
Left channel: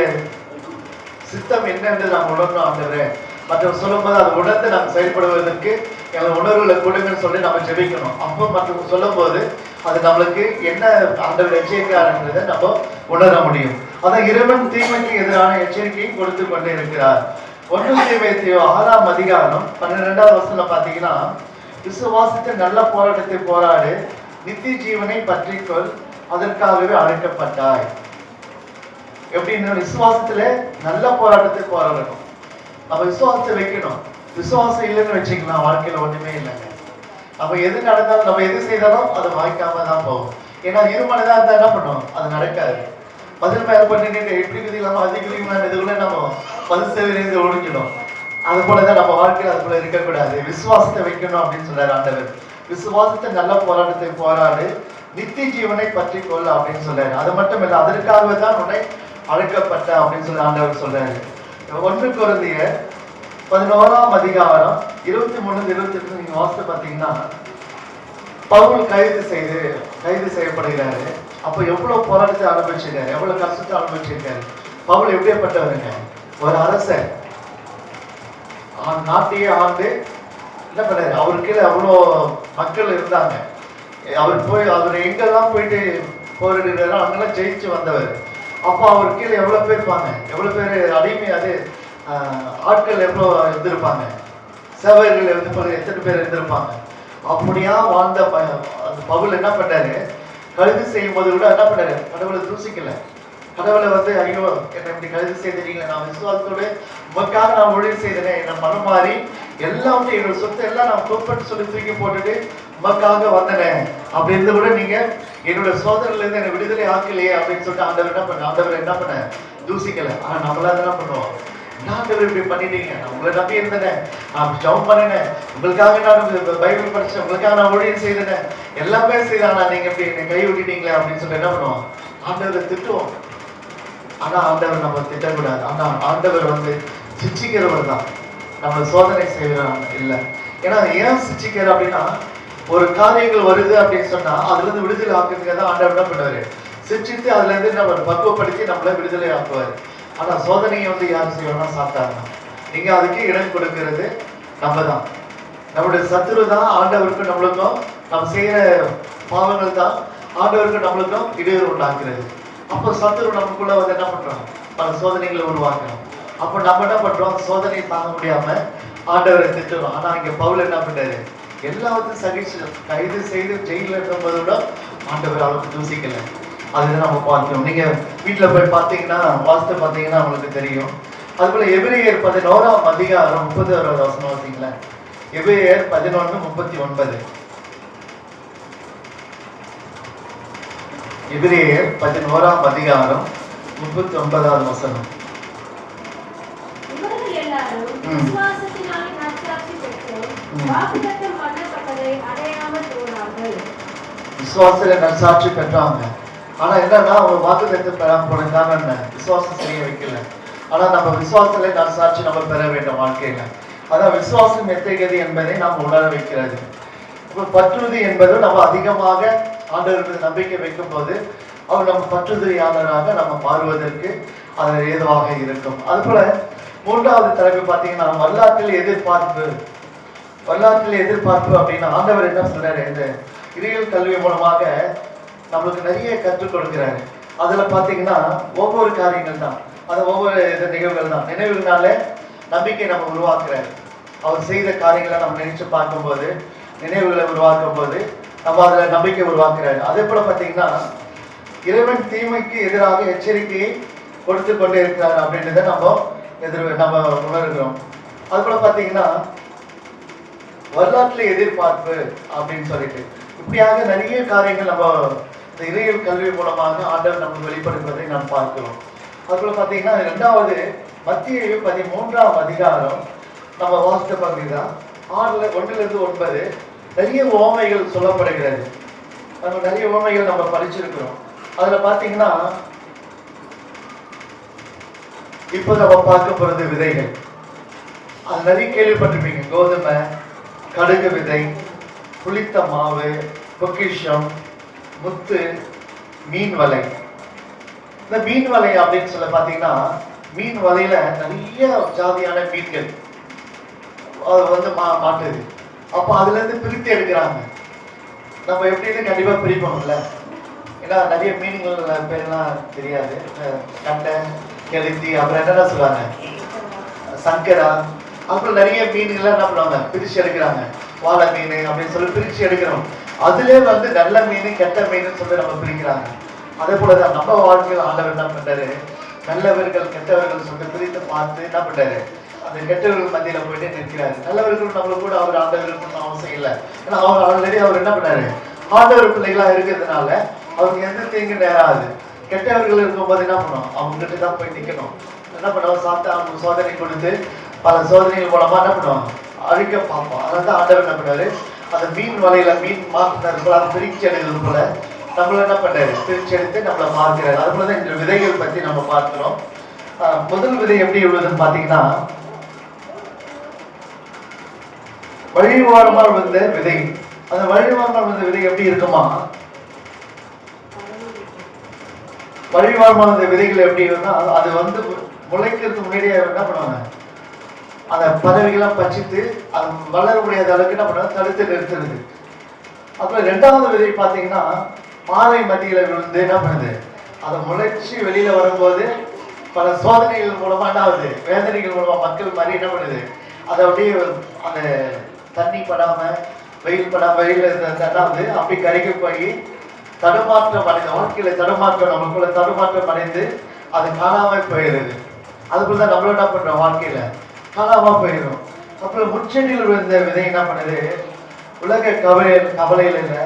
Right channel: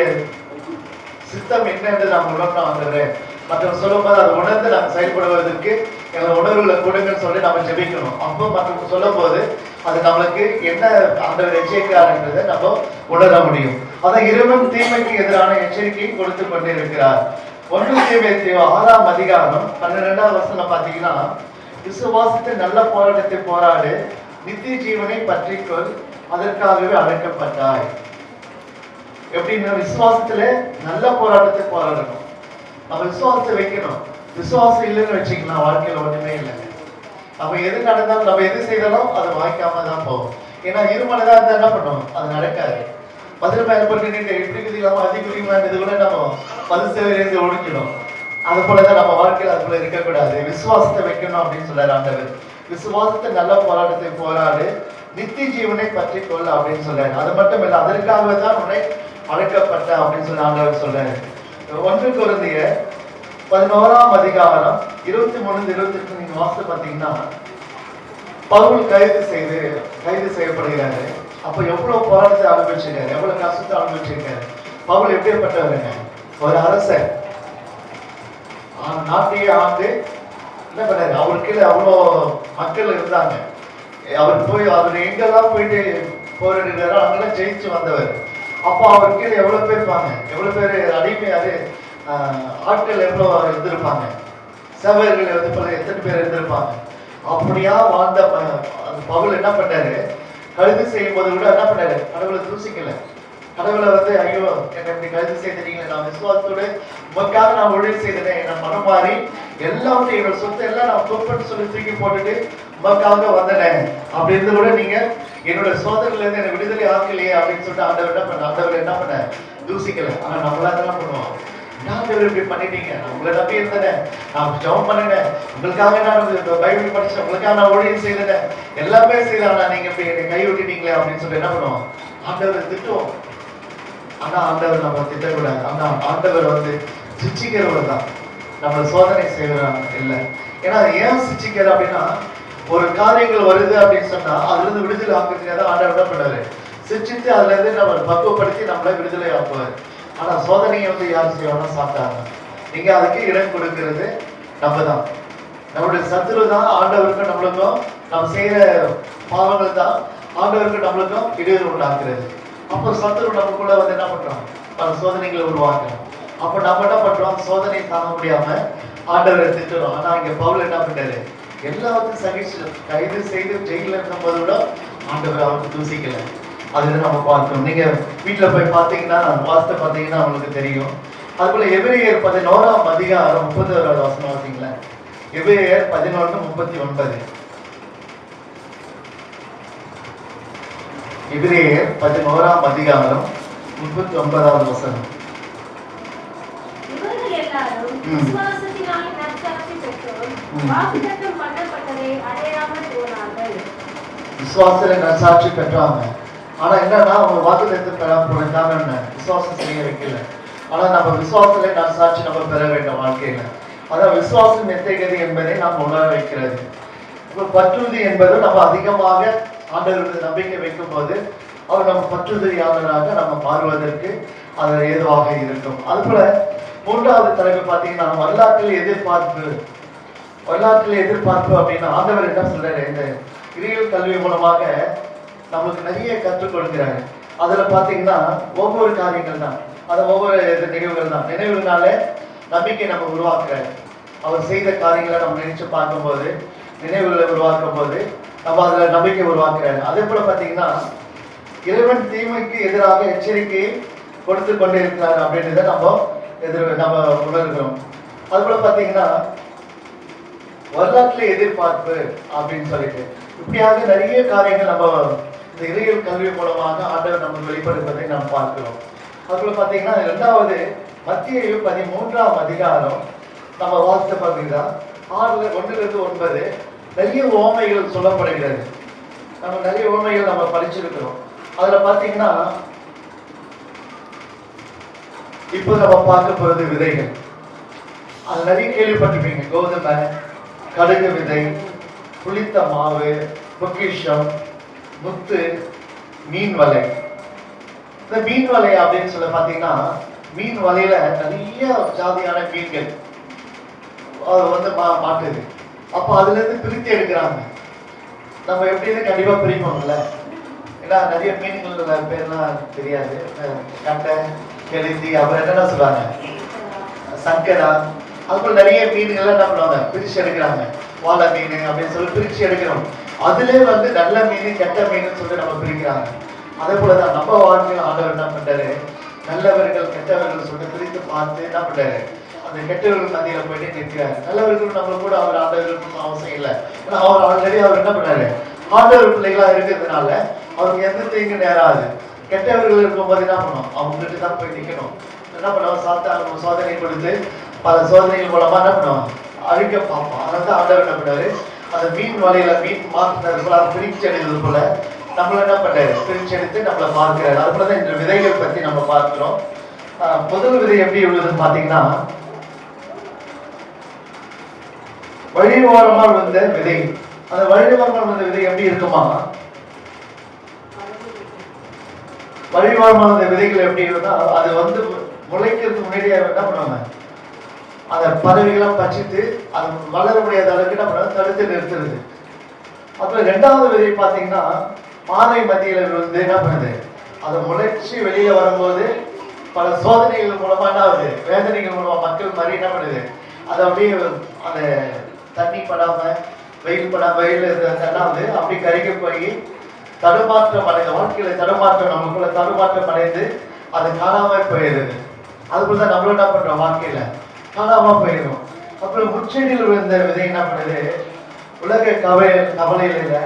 சித்தம் என்னன்றது நம்ம உணரணும் ஆண்டவரே மற்றவங்க சொல்லும்போது அதை உணர்ந்து நம்ம செயல்படுவதற்கு எங்களை உணர்வுகளை கொடுங்கன்னு சொல்லி நம்ம ஜெபிக்கணும். அப்போ மற்றவங்க சொல்லும்போது அது நம்மளுக்கு என்ன அந்த எச்சரிக்கிறாருன்றதை நம்ம உணர முடியும். அதான் இறைவன் தீமைக்கு எதிரான எச்சரிக்கையை கொடுத்து கொண்டே இருக்கிறார். ஒன்று தீமைத்தையோ ஆறாம் அதிகாரம் பன்னிரெண்டாவது வருஷத்துல பார்த்தீங்கன்னா விசுவாசத்தில் நல்ல போராட்டத்தை போராடு நித்திய ஜீவனை பற்றிக்கொள் அதற்காகவே அழைக்கப்பட்டாய். எப்படின்னா விசுவாசத்துல நல்ல போராட்டத்தை போராடணும். நம்ம விசுவாசத்தை வைக்கணும். விசுவாசம் இல்லைன்னு வச்சுக்கலாம் வாழ்க்கையில ஒண்ணுமே இல்லை. நம்ம எது நடந்தாலும் நம்ம எது செய்தாலும் அதை வாய்க்காம தான் போகும். ஏன்னா இருமனதா இருந்தா என்ன பண்ணும்? அது நடக்காது. பதில் மேல பண்ணிட்டு இப்படி குதிக்கலாமா அதிக விதிக்கலாம் இது கூட நம்ம பதில் செய்வது ஒழிஞ்சிடும். அது போலதான் நம்ம வாழ்க்கையில் அது போல இருக்கக்கூடாது. விசுவாசத்தை வைக்கணும் அப்படின்னு சொல்றாரு ஆண்டவர். விசுவாசத்தை நல்ல போராட்டத்தை போராடு நித்திய ஜீவனை பற்றி கொள்ள அப்படின்னு சொல்றாரு அது மட்டும் இல்லை அதற்காகவே தான் உன்னை அழைக்கப்பட்ட அப்படின்னு சொல்லி ஆண்டவர் சொல்றாரு ஒன்று குழந்தைய பதினோராம் அதிகாரம் இருபத்தி மூணு இருபத்தி எட்டு நீங்க வாசித்து பார்த்தீங்கன்னா பவுல் கைது செய்து கைது செய்யப்படுகிறாரு. அப்ப எவ்வளவு போராட்டத்தை அனுபவிச்சிருக்காரு எவ்வளவு கஷ்டத்தை அனுபவிச்சிருக்காரு பவுல் எப்படிப்பட்டவருங்க? ஒரு அரசன் நாட்டையே ஆண்டு என்ன பண்ணாரு? அவருக்கு கீழே அவ்வளோ மக்கள் இருந்தாங்க. அவர் போய் அவர் எங்கெல்லாம் போயிட்டு போரிடுறாரோ அங்கெல்லாம் ஜெயிச்சு வந்தவர். அப்போ அவர் கீழே எவ்வளோ பேர் இருப்பாங்க? எவ்வளோ பேர் அடிமை அது ஆட்கள் எவ்வளோ இருந்திருப்பாங்க? சேவர்கள் வந்து பல எத்தனை பேர் இருந்திருப்பாங்க? அப்படியா வாழ்ந்த ப- அந்த பவுல் என்ன பண்ணாரு? கழுது செய்யும் போது கூட என்ன பண்ணாரு? கடவுளை தூசிக்கல. கடவுளை வந்து ஐயோ என்னை இப்படி கழுது செய்திருக்கீங்களே நான் விசுவாசத்தோடு உமக்காக நான் ஒழிவு செய்தேன் நான் மனம் மாறி எல்லாமே என்னோட சொத்து எல்லாம் நான் குப்பன்னு சொல்லி தூக்கி போட்டுட்டு உமக்காக வந்தனே. அப்படி இருந்து கூட நீங்க என்னோட சோதனையில இருந்து என்னை விடுதலை ஆக்கலையே அப்படின்னு சொல்லிட்டு ஆண்டவர் என்ன பண்ண ஆண்டவர் என்ன பண்ண? தூசிக்கல. ஆனா நம்மளா என்ன பண்ணுவோம். என்ன ஆண்டவர் இப்படி பண்ணிட்டீங்க. உங்களை நம்பி இருந்தேன். நான் ஜெபம் பண்ணினேன். உங்களுக்காக நான் பைபிள் படிச்சேன். உங்களுக்காக நான் ஊழியம் செய்தேன். எல்லாமே செய்தேன் ஆனா நீங்க இப்படி என்னை கை விட்டுட்டீங்களே அப்படின்னு சொல்லி என்ன பண்ணுவோம்? ஆண்டவரை திட்டுவோம். ஆனா ஆண்டவர் நம்ம திட்டக்கூடாது. ஆனா ஆண்டவர் வந்து சிச்சிக்கிறவர் தான். நம்ம சோதனை செய்வரான் இல்லை. ஏன்னா ஏன் சிச்சிக்கிறார் அப்படின்னா ஒரு காரியங்கள் வருது அப்படின்னு சொன்னா அதுல இருந்து விடுதலை ஆக்குறதுக்காக தான் ஆண்டவர் என்ன பண்ணுவாரு? சிச்சித்து அதுல இருந்து நம்ம பக்குவப்படுத்தி நம்மள விடுதலை ஆக்குவாரு. ஆனா சோதனையை வந்து யார் செய்வாங்கன்னா சாப்பிட்டாங்க நீங்க அதுக்கு இடம் கொடுக்கிறது நம்ம தான் நம்மளுடைய சத்துரு தான் ஆண்டவருக்கும் நம்மளுக்கும் நம்ம செய்யற பாவங்கள் தான் ஆண்டவருக்கும் நம்மளுக்கும் இடையூறு உண்டாக்குறது. அப்போ சத்துரு நமக்குள்ள வந்து என்ன பண்றோம் பல சோதனைகளை உருவாக்குறோம் அப்போ நம்ம என்ன பண்றோம் அந்த சோதனையை தாங்க முடியாம ஆண்டவரை திட்டுறோம் ஆனா இங்க பவுல் என்ன பண்றாரு எல்லாத்தையும் சகிச்சு கைது செய்து ஜெயில இருக்கும்போது கூட ஆண்டவர் அவருக்கு தூசிக்கல. அதுதான் நம்ம பார்க்கணும் நீங்க வீட்டுல போய் பார்த்தீங்கன்னா வாஸ்து பார்த்தீங்கன்னா உங்களுக்கு தெரியும். அதுபோல எபிரேயர் பதினோராம் அதிகாரம் முப்பது வசனம் பார்த்தீங்களா எபிரேயர் பதினொன்று முப்பத்தி ஒன்பது எபிரேயர் பதினோராம் அதிகாரம் முப்பத்தி ஒன்பதாவது வசனம். விசுவாசத்தினால் நற்சாட்சி பெற்றோர். வாக்குத்தத்தம் பண்ணப்பட்டதை அடையாமல் போனார்கள். விசுவாசத்துல நற்சாட்சி பெற்றாங்க ஆனா என்னன்னா அவங்க வாக்குத்தத்தை பெறாம போன காரணம் என்ன? விசுவாசம் செய்ய வைக்கல. ஆனா நம்ம விசுவாசத்துல நற்சாட்சி நம்ம பெற வேண்டும் வாழ்க்கையில. அதான் விசுவாசம் எத்தகையது என்பதை நாம் உணர வைக்கிறது. இப்போ பற்றுறுதி என்பது நம்ம அதிகமாக ஆண்டவருக்கு நம்பிக்கை வைக்கும் போது அவர் நம்ம பற்றுறுதியாளராக நம்ம மாறுவதற்கு அது ஏதுவாக இருக்கும். அதுபோல மூன்றாவது தலைப்பு பார்த்தீங்கன்னா நம்ம வரலாற்றில் எதிர்பார்ப்பு வரலாற்றில் எதிர்பார்ப்பு அப்படின்னா ஆண்டவர் என்ன சொல்றாரு? இந்த இறையல் கல்வி மூலமாக நமக்கு நிறைய கற்றுக் கொடுக்கிறாரு. அதுல பாத்தீங்கன்னா ஒவ்வொரு காரியங்கள் தான். அது ஒவ்வொரு நிகழ்வுகள் தான். நினைவுகளால நம்பிக்கை நம்ம உருவாக்குறாரு. அவர் செய்த காரியங்களை நம்ம நினைச்சு பார்க்கும்போது நினைவுகளை உருவாக்கும் போது நம்ம அதுல நம்பிக்கை உருவாக்குறாரு. அதே போல பாத்தீங்கன்னா இறைவன் தீமைக்கு எதிராக எச்சரிக்கையை கொடுத்து கொண்டே இருக்கிறார் அப்படின்றத நம்ம எதிர் நம்ம உணர்கிறோம். அது போல பாத்தீங்கன்னா வரலாற்றுல எதிர்பார்ப்பு அப்படின்னு சொல்லிட்டு இப்படியாக நிறைய காரியங்கள் நம்ம இந்த இறையியல் கல்வி மூலமாக ஆண்டவர் நமக்கு வெளிப்படுத்துவதை நாம் பார்க்கிறோம். அதுக்குள்ள பார்த்தீங்கன்னா ரெண்டாவது மத்திய பதிமூன்றாம் அதிகாரம் நம்ம வாசித்த பார்த்தீங்கன்னா ஆறுல ஒன்றிலிருந்து இருந்து ஒன்பது நிறைய ஓமைகள் சொல்லப்படுகிறது. நம்ம நிறைய ஓமைகள் நம்ம படிச்சிருக்கிறோம். அதுல பார்த்தீங்கன்னா இப்போ நம்ம பார்க்க போறது விதைகள். அது நிறைய கேள்விப்பட்டிருப்பீங்க. கோதுமை கடுகு விதை புளித்த மாவு பொக்கிஷம் முத்து மீன் வலை. இந்த மீன் வலை அப்படின்னு சொல்ல பார்த்தீங்கன்னா மீன் வலையில நிறைய ஜாதியான மீன்கள். அது வந்து மா மாட்டுது. அப்போ அதுலேருந்து பிரித்து எடுக்கிறாங்க. நம்ம எப்படின்னு கண்டிப்பாக பிரிப்போம்ல? ஏன்னா நிறைய மீன்கள் பேர்லாம் தெரியாது. கட்டை கெளுத்தி அப்புறம் என்னென்ன சொல்றாங்க? சங்கரா அப்புறம் நிறைய மீன்கள்லாம் என்ன பண்ணுவாங்க? பிரிச்சு எடுக்கிறாங்க. வாழை மீன் அப்படின்னு சொல்லி பிரிச்சு எடுக்கிறோம். அதுலேயே வந்து நல்ல மீன் கெட்ட மீன் சொல்லி நம்ம பிரிக்கிறாங்க. அதே போலதான் நம்ம வாழ்க்கையில் ஆண்டவர் என்ன பண்ணுறாரு நல்லவர்கள் கெட்டவர்கள் சொல்லிட்டு பிரித்து பார்த்து என்ன பண்ணுறாரு அந்த கெட்டவர்கள் மத்தியில் போயிட்டு நிற்கிறாரு. நல்லவர்கள் நம்ம கூட அவர் ஆண்டவர்கள் அவசியம் இல்லை. ஏன்னா அவர் ஆல்ரெடி அவர் என்ன பண்ணாரு ஆண்டவர் பிள்ளைகளாக இருக்கிறதுனால அவருக்கு எந்த தீங்கு நேராது. கெட்டவர்கள் இருக்கும்போது என்ன பண்ணணும் அவங்க கிட்ட தான் போய் நிற்கணும் என்ன பண்ணுவாங்க? சாப்பிட்டு அவங்க சோதனை கொடுத்து பல சோதனைகள் மூலமா என்ன பண்ணுவோம் அழிக்க பார்ப்போம் அதனால தான் ஆண்டவர் என்ன பண்ணாரு அந்த மீன் வலையில மீன் மாற்றினது போல அதை பிரிச்சு அடைந்தது போல நம்மள என்ன பண்றாரு? பிரிச்சு எடுத்து நம்மளை மாற்றுறாரு அது போல தான் இந்த விதைகள் பத்தி நம்ம பார்க்கிறோம். ஆஹ் முதல் விதை எப்படி உள்ளதுன்னு பாத்தீங்கன்னா வழிவாரமாக வந்த விதை. அந்த வழிவாரமாக வந்த விதை எப்படி இருக்குமா? வழிவாரமாக அந்த விதைகள் எப்படி இருந்தால் அது வந்து முளைக்கிறதுக்கு முன்னாடியே என்ன பண்ணுவாங்க? அந்த பதவிகளாம் பச்சித்து அது வளர முடியாத அளவுக்கு என்ன பண்ணுவாங்க? தடுத்து நிறுத்துறது. அப்புறம் ரெண்டாவது விதை பார்த்தீங்கன்னா மாலை மத்தியில் விழுந்து என்ன பண்ணுது? அதை முளைச்சி வெளியில வரும்போது பல சோதனைகள் மூலமா என்ன ஆகுது? வேதனைகள் மூலமா மக்கள் மாதிரி என்ன பண்ணுது? அதை அப்படியே அந்த தண்ணி படாம வெயில் படாம வெயில் இருந்தது அப்படி கரைக்கு போய் தடுமாற்றம் அடைந்த வாழ்க்கையில தடுமாற்றம் நமக்குள்ள தடுமாற்றம் அடைந்து அது காணாம போயிடுது அதுக்குள்ள தான் நம்மளும் என்ன பண்றோம் வாழ்க்கையில? காணாம போயிடும் அப்புறம் முச்செடியில் விழுந்த விதை என்ன பண்ணுது? உலக கவலை கவலையில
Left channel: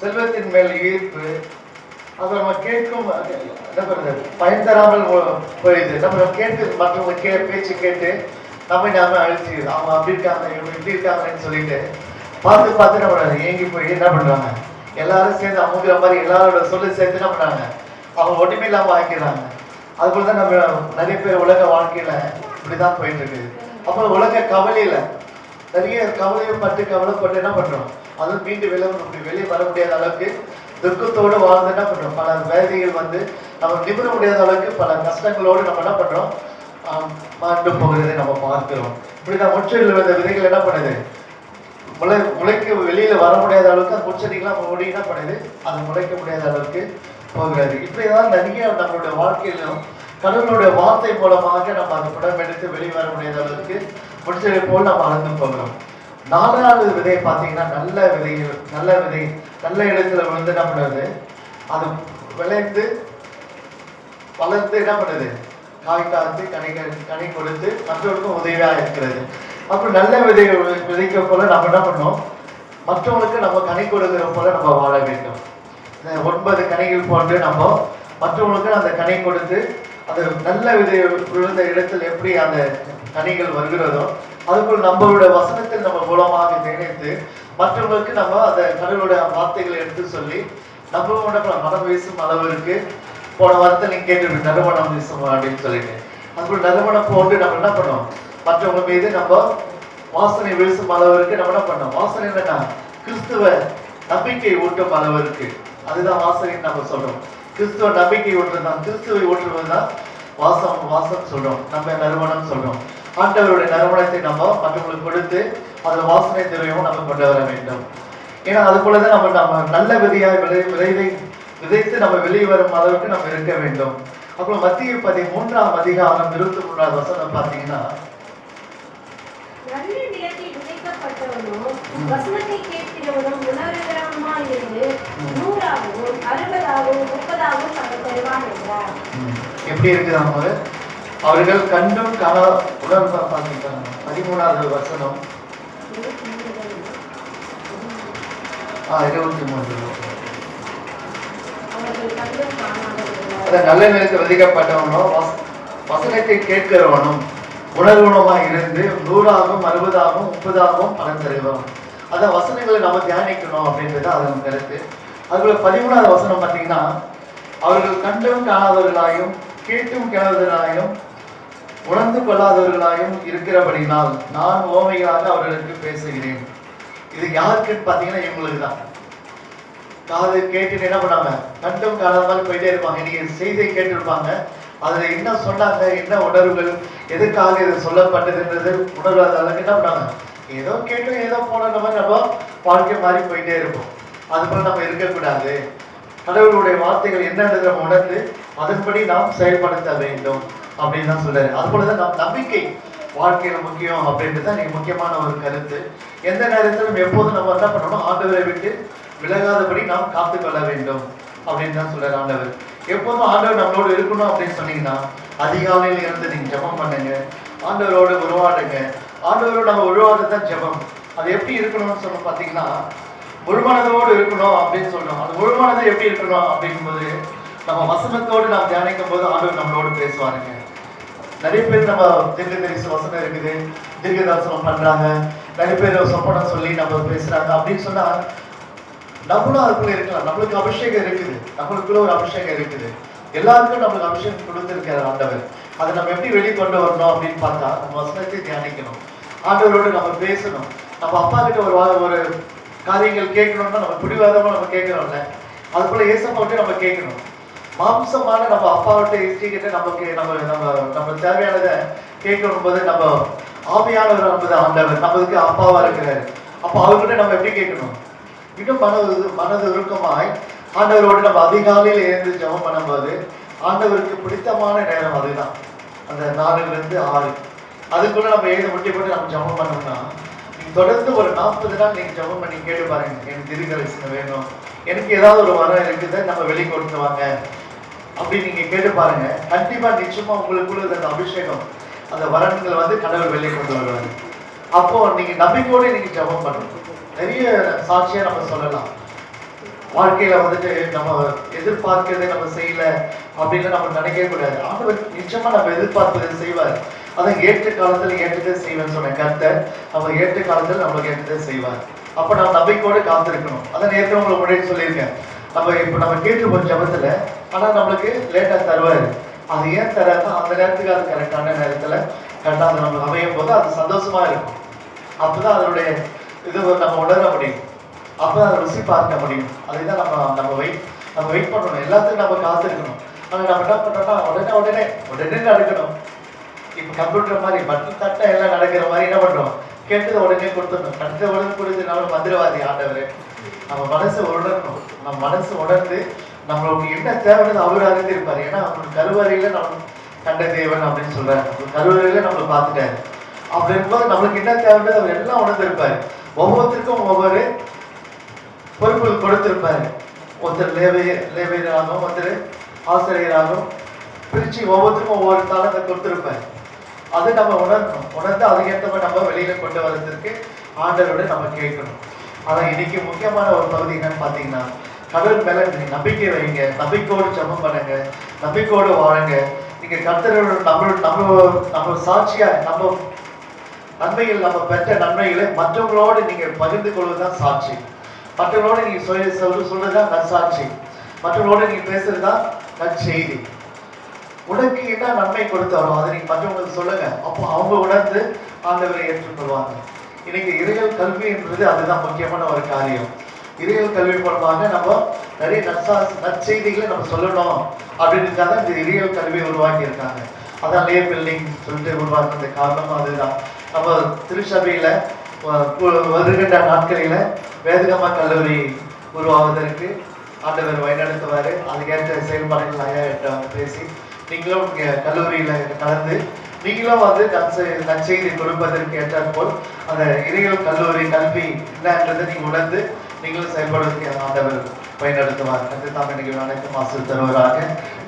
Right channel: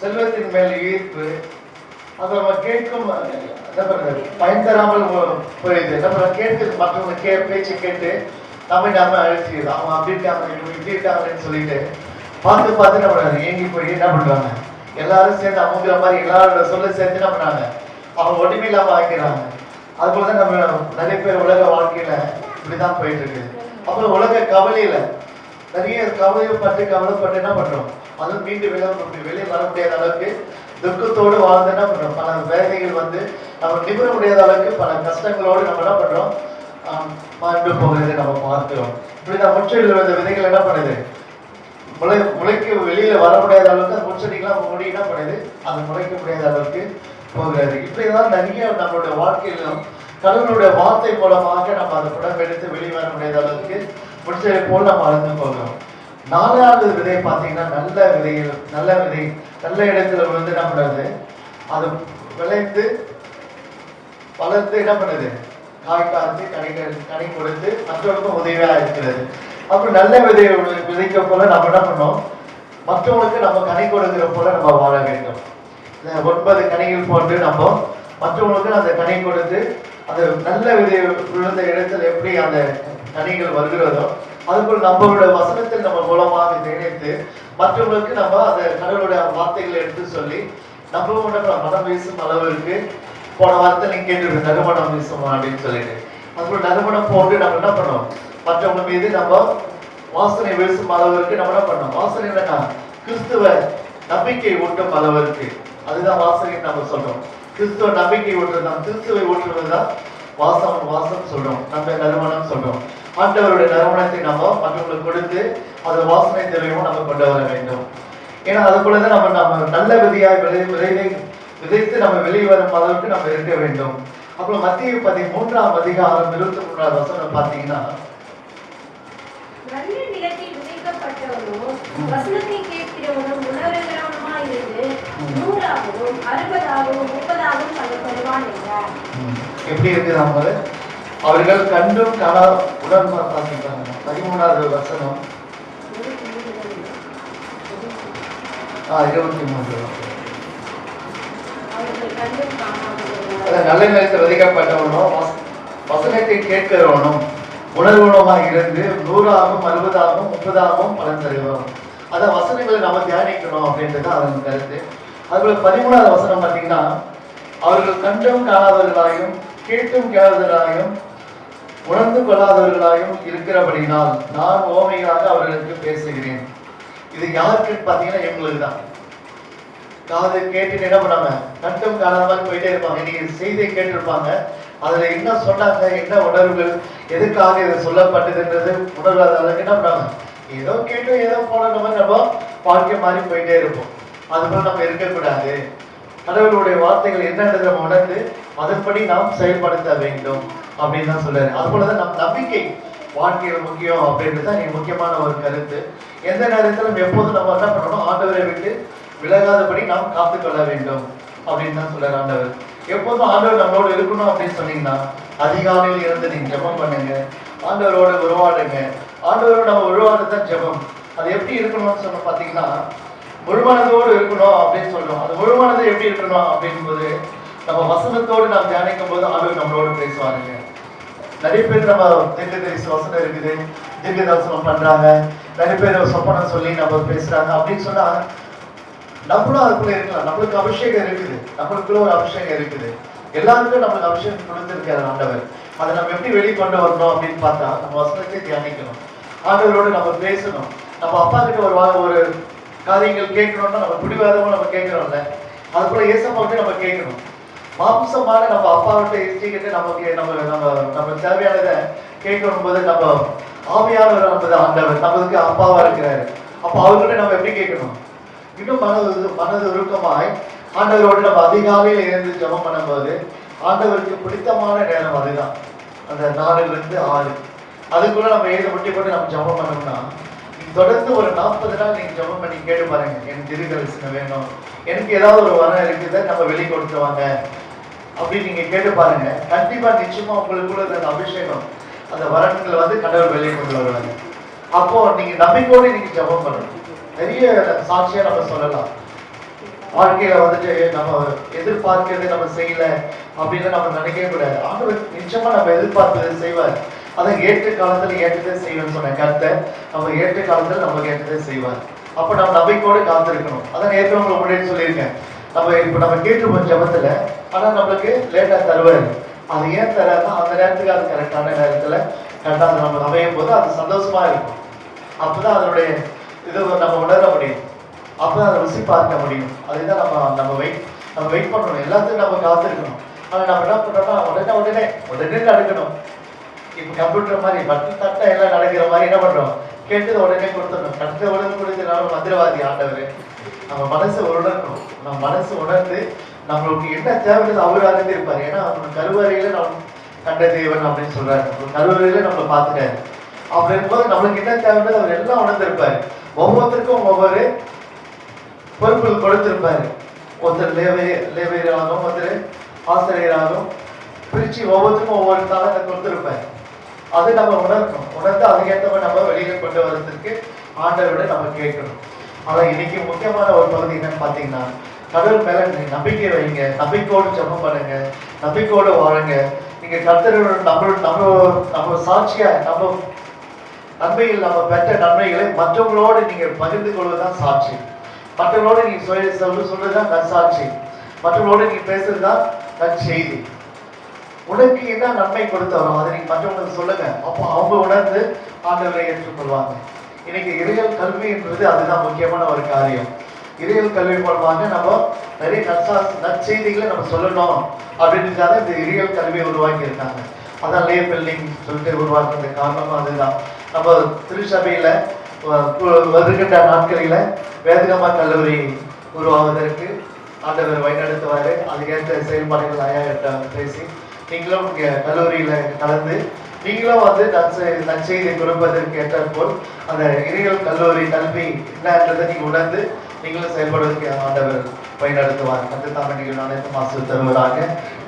செல்வத்தின் மேல் ஈர்ப்பு. அப்புறம் நம்ம கேட்கும் என்ன பண்றது? பயன் தராமல் போயிடுது நம்மளை கேட்டு மற்றவங்க கே பேச்சு கேட்டு நம்ம நாம அழிச்சுது அவங்க அப்படி இருக்காங்க இவங்க இப்படி இருக்காங்கன்னு சொல்லிட்டு பார்த்து பார்த்து நம்ம ஏங்கி போய் என்ன பண்றாங்க? எல்லாரும் சேர்ந்து அவங்க மாதிரி எல்லாரோட சொல்ல சேர்த்து என்ன பண்ணாங்க? அவங்க ஒட்டுமே இல்லாமல் ஆக்கிடுறாங்க அது போல தான் நம்ம நிறைய பேர் உலக வாழ்க்கையில இப்படிதான் போயிட்டு இருக்கு அப்புறம் உலக கவலையில நிறைய கவலைப்பட்டு கவலைப்பட்டு என்ன பண்றோம்? அது மீண்டு வெளியே வெளியே வர முடியாத அளவுக்கு துக்கத்தோடு வாழ்ந்து என்ன பண்றோம்? பல வேதைகள் வந்து நம்ம நிபுண முடியாத அளவுக்கு பல கஷ்டங்களோடு நம்ம என்ன பண்றோம்? மாண்டு போகிறதை நம்ம பார்க்கிறோம். இப்படிதான் முற்றிலும் இந்த விதைகள் என்ன பண்ணுது? முளை முளைக்கு வெளியில வர முடியாத அளவுக்கு அந்த முச்செடிகள்லாம் மூடி என்ன பண்ணுது அது முளைக்க முடியாத அளவுக்கு போகிறது. இப்படிதான் நிறைய நம்மளுடைய வாழ்க்கையிலும் கடவுளுடைய வார்த்தை மூலமாக நம்ம அந்த படம் எடுத்து வெளியே வர முடியாத அளவுக்கு முச்செடி போல் நம்ம அறந்து போகிறோம். நாலாவது விதை பார்த்தீங்கன்னா நல்ல விதை நல்ல விதை நல்ல இடத்துல விழுந்து என்ன பண்ணுறது அது விளைந்து வளர்ந்து என்ன பண்ணுது? காய் காத்து கனி க- கனி கொடுத்து மற்றவர்களுக்கும் உதவியாக இருக்கிறது. அப்புறம் நல்ல விதை விதைக்க போல நம்ம என்ன பண்ணோம்? மற்றவங்களுக்கு நம்ம கனி கொடுக்கிற போல நம்ம வாழ வேண்டும். ஒன்பது கனிகள் போட்டு நம்ம மற்றவங்களுக்கு அந்த கனி கொடுத்து அது நல்ல விதை விழுந்த இடத்துல எப்படி அந்த கனிகள் வருகிறதோ அதுபோல் நம்மளோட வசனத்தில் நம்ம மூலமாக நினைத்து மற்றவங்களுக்கு நம்ம அந்த கடவுளுடைய வார்த்தைகளை எடுத்து சொல்லி நம்ம மனம் வீசும் அளவிற்கு போன வாரத்தை நீங்க கேட்டு நறுமணம் வீசும் அப்படின்னு சொல்லிட்டு. அதுபோல் நறுமணம் போட்டு நம்ம என்ன பண்ணோம்? மற்றவங்க மீது நம்ம வாசனை வீசும் அளவிற்கு நம்ம என்ன பண்ணோம் வாசனை என்னன்னா கிறிஸ்துவ நம்பிக்கை ஊட்டும் அளவிற்கு. அதுதான் வாசனை நம்ம சொல்றோம். கிறிஸ்துவ நம்பிக்கை ஊட்டுறதுதான் கிறிஸ்துவை ஊற்றுவதுதான் வாசம் வாசம் சொல்றோம். நம்ம நறுமணம் சொல்றோம். ஆண்டவருடைய நறுமணத்தை நம்ம மற்றவங்களுக்கு கொடுத்து அது வாசனை திரவியமும் நம்ம கொண்டு வர வேண்டும். ஏன்னா அது போலதான் நம்ம நம்ம நல்ல விதையாய் விதை விளைவை விதைத்து நம்ம வெளியே வரும் அளவுக்கு நம்ம இருக்க வேண்டும். அப்புறம் மத்திய பதி மூன்றாம் அதிகாரம் இருபத்தி மூன்றாவது வசனம் பார்த்தீங்கன்னா நல்ல நிலத்தில் விதைக்கப்பட்டவனும் வசனத்தை கேட்கிறவனும் உணர்கிறவனுமாய் இருந்து நூறாகவும் அறுபதாகவும் முப்பதாகவும் பல பெறுவான் என்றார். எப்படி இருக்குது அவங்க அவர்கள் கண்டும் கனா உடன் பார்த்துக்கிறாங்க பதிமூணாவது வசனம். ஆ இருபத்தி மூன்று. நல்ல நிலத்தில் விதைக்கப்பட்டவனும் வச- வசனத்தை கேட்கிறவனும் உணர்வுணமாக இருந்து நூறாகவும் அறுபதாகவும் முப்பதாகவும் பலன் தருவோம் அந்த வசனங்களை நம்ம தியானிக்கணும் அப்படின்றது அதன் கருத்து. அதுல பதிமூணாவது வசனம் பார்த்தீங்கன்னா அவர்கள் கண்டும் காணாதவர்களாயும் கேட்டும் கேளாதவர்களாயும் உணர்ந்து கொள்ளாதவர்களாயும் இருக்கிறபடினால் நான் ஓமையாக அவர்களுக்கு பேசுகிறேன். இது யாருக்குன்னு பார்த்தீங்கன்னா எங்களுக்கு தான். காது கேட்டு என்ன பண்ணாங்க கண்டும் காணாத மாதிரி போயிட்டே இருப்பாங்க. நீங்க செய்தியை கேட்டிருப்பாங்க. அதுல என்ன சொன்னாங்க என்ன உணர்வுகள் எதுக்காக இது சொல்லப்பட்டதுன்றது உணர்வாத அளவுக்கு என்ன பண்ணாங்க? ஏதோ கேட்டு ஏதோ போன மாதிரி நம்ம வாழ்க்கை மாறி போயிட்டே இருப்போம். அது போல நம்ம இருக்கக்கூடாது. கடவுளுடைய வார்த்தைகள் என்னன்றதை நம்ம உணர்ந்து அதன்படி நாம் செயல்படுத்த வேண்டும் அப்படின்னு தான் சொல்றாரு. அது போலதான் நம் நம்பிக்கை வாழ்க்கையில் முக்கியம் அப்படின்றது தான் முக்கியமான ஒரு கருத்து. எந்த நேரத்திலும் எப்போதும் நம்ம என்ன பண்ணணும்? ஆண்டவரை விட்டு விலகாதபடி நாம் காத்துக்கொள்ள வேண்டும் அப்படின்னு தான் சொல்றாரு ஆண்டவர். எப்போதும் ஆண்டவர் நம்மளோட இருக்கணும் அப்படின்னு சொன்னீங்கன்னா அதிகாலையில் இருந்து நீங்க ஜெபம் பண்ணுங்க. ஆண்டவரோட உருவாடுங்க ஆண்டவரோட நம்ம உருவாடுறது தான் ஜெபம். அது எப்படி இருக்கணும்னு சொன்ன பார்த்தீங்கன்னா முழுமனதோடு இருக்கணும் அப்படின்னு சொல்றோம். அது முழுமனது எப்படி இருக்கணும் அப்படிங்கும்போது நம்ம வசனத்தோடு நாம் தியானிக்கும் போது ஆண்டவர் நம்மளோடு பேசுவாருங்க. நிறைய பேர் நம்ம திரு தரிசி வசனம் இருக்குது. திவ்ய தரிசனம் பண்றாங்க. நிறைய பேர் சொப்பனம் சொல்லி நம்ம பேசுறாங்க அப்படின்னு சொன்னா நம்மளும் அதுக்குள்ள இருக்கலாம். நம்மளுக்கு அபிஷேகம் இருக்குது. நம்மளுக்குள்ள ஒரு அபிஷேகம் இருக்குது. எல்லாருக்கும் நம்மளுக்கு அபிஷேகம் கொடுத்துருக்காரு ஆண்டவர். அதை நம்ம எப்படி வெளிக்கொண்டு வரணும் அப்படின்னு பார்த்தா நம்ம வசனத்தை தியானிக்கணும். ஆண்டவரோடு நம்ம பேசணும். நம்ம அப்பா கிட்ட ஒரு ஒரு காரியங்கள் கேட்கணும்னா நம்ம பிடிவாதமா நம்ம கேட்கணும்ல அது போல ஏசப்பா நம்ம கேட்கணும். மாம்சமான நம்ம அப்பா கிட்ட நமக்கு நம்ம நம்ம நம்ம தேவையானதை கேட்கணும் போது நம்ம ஆவியானவர் நமது ஆண்டவர். நமக்கு அப்பாவா இருக்கிறாரு. அப்போ அவர்கிட்ட நம்ம எப்படி கேட்கணும்? இன்னும் மனது மனது உருக்கமாய் ஆண்டவரோடு நம்ம அதிகாலையில் எழுந்து ஜபம் பண்ணும்போது ஆண்டவருக்கு பிடித்தமான நேரம் அதுதான். அந்த நாலுல ஆறு. அதுக்குள்ள நம்ம எழுத முட்டி போட்டு நம்ம ஜபம் பண்ணோம்னா தொடர்ந்து ஒரு நாற்பது நாள் நீங்க ஜபம் பண்ணி கேட்டு பாருங்க. எனக்கு திருக்கரிசனம் வேணும். எனக்கு ஏதாவது ஒரு வரம் இருக்குது நம்ம வெளிக்கொடுத்து வாங்க. அப்படி நீங்க கேட்டு பாருங்க. கண்டிப்பா நிச்சயமா உங்களுக்குள்ள அந்த அபிஷேகம் அந்த வரன்களை வந்து கடவுள் வெளியே கொண்டு வருவாங்க அப்போ நீங்க நம்பிக்கையோடு நீங்க ஜபம் பண்ணணும். நிறைய சாட்சியா நம்ம சொல்லலாம். வாழ்க்கையில வந்துட்டு நம்ம எதிர்பார்க்கிறது நம்ம செய்யல அப்படின்னு நம்ம நினைக்கவே கூடாது. ஆண்டவர் நிச்சயமா நம்ம எதிர்பார்த்தது செய்வார். அதை ஏற்ற காலத்துல ஏற்றதை செய்வேன்னு சொன்ன கர்த்தர் நம்ம ஏற்ற காலத்துல நம்ம ஏற்றதை செய்வார். அப்ப நம்ம நம்பிக்கையோடு காத்திருக்கணும். அதான் ஏற்கனவே உங்களுக்கு முன்னாடி சொல்லியிருக்கேன். நம்ம இப்ப நம்ம கேட்டுருப்போம் ஜபத்துல ஆனா நம்மளுக்கு லேட்டா தருவாரு. அது ஏன் தராருன்னா அந்த நேரத்துக்கு அது கரெக்டான நேரத்துல கரெக்டாக அது நம்ம அமையும் போது அது சந்தோஷமா இருக்கும். அப்பதான் அதனுடைய இது நம்ம உணர முடியும். அப்போ அதை ருசி பார்க்க முடியும். அதுதான் நம்ம நம்ம வெயிட் நம்ம வெயிட் பண்ணணும். எல்லாத்துக்கும் நம்ம காத்திருக்கணும். ஆனால் நம்ம என்ன பண்றோம்னா உடனே உடனே உடனே நடக்கணும். இப்போ கம்ப்யூட்டர் மாதிரி பட்டன் தட்ட எல்லாம் நடக்கிற மாதிரி என்ன பண்ணுறோம் கேட்டதை உடனே கொடுத்துடணும். கட்டத்தை உடனே கொடுத்துனாலும் மந்திரவாதி ஆண்டவர். நம்ம மனசு உணரணும். நம்ம மனசு உணர்ந்து நம்மளுக்கு என்ன தேவைன்னு அவர் அறிந்திருப்பாரு. ஏன்னா அவனுக்கு கருவறையில நம்ம கண்ட தேவன் அப்படின்னு சொல்றாரு. கருவறையில நம்மளை பார்த்துட்டாரு. அப்படி இருக்கும்போது நம்மளுக்கு என்ன தேவைன்னு அவர் எல்லாம் உணர்ந்திருப்பாரு. ஒவ்வொருத்தருக்கும் ஒவ்வொரு பொறுப்புகள் கொடுத்திருப்பாரு. ஒருத்தர் லேவே லேவேராகவும் ஒருத்தர் ஆசிரியராகவும் பிரித்து ஒவ்வொருத்தருக்கும் ஒவ்வொரு தாளத்தை கொடுத்திருப்பாரு. அது நம்ம உணரணும் உணர்ந்து மாதிரி நம்ம வெளியில கொண்டு வர்றதுக்கு ஆண்டவரோட நம்ம கேட்கணும். ஆனால் இன்னைக்கு முக்கியமான ஒரு பகுதி என்னன்னு பார்த்தீங்கன்னா கடவுள் மேல நீங்கள் நம்பிக்கை வைங்க. நம்பிக்கையோடு ஜெபம் பண்ணுங்க. நம்பிக்கையோடு வாழுங்க. நீங்கள் கர்த்தரோட நம்மளோட நம்ம நம்ம சாட்சியா நம்ம நன்மையில் நம்ம பெற்ற நன்மைகளை மற்றவங்களோடு நீங்கள் பகிர்ந்து கொள்வதுதான் சாட்சி. மற்றவங்களோடு நீ சொல்லி சொல்ற சொல்றதுதான் நற்சாட்சி மற்றவங்களோடு நீங்க பேசுறதுதான் நற்செய்தி உனக்கு என்ன நன்மை கொடுத்தாரோ அதை நீங்க மற்றவங்களுக்கு சொல்லுங்க. அப்போ அவங்க உணர்ந்து ஆண்டவரை ஏற்றுக்கொள்வாங்க. இன்னைக்கு கல்வி என்றது அதுதான் முக்கியமான ஒரு காரியம். இறைகள் கல்வி மூலமாக நம்ம நிறைய நற்சா நற்செய்திகளை நம்ம சொல்லணும் அப்படின்றதுக்காக இந்த இறைகள் கல்வியை உருவாக்கி இருக்காங்க அதான் லே பில்டிங் சொல்லிட்டு உருவாக்குறது காரணம் அதுதான். நம்ம திருச்சபையில வருகின்ற நாட்களில வேதகமா கல்லூரி உருவாவதற்கு ஆண்டவர் வழிநடத்துவார். அதுக்கேற்ற செயல்பாடுகள் ஐயா கிட்ட பேசி நீங்களும் இங்கே கல்லூரியில் கலந்து நீங்களும் வந்து நற்செய்- நற்செய்தி கொடுப்பதற்கு ஏற்றாற்போல் அந்த இறையல் கல்லூரி கல்வி என்னன்றதை நீங்கள் உணர்ந்து நீங்களும் செயல்படுவதற்கு ஆண்டவர் வழிநடத்துவார். கத்து தமிழ் நீங்கள் அனைத்தும் ஆசிரியர் தருவராக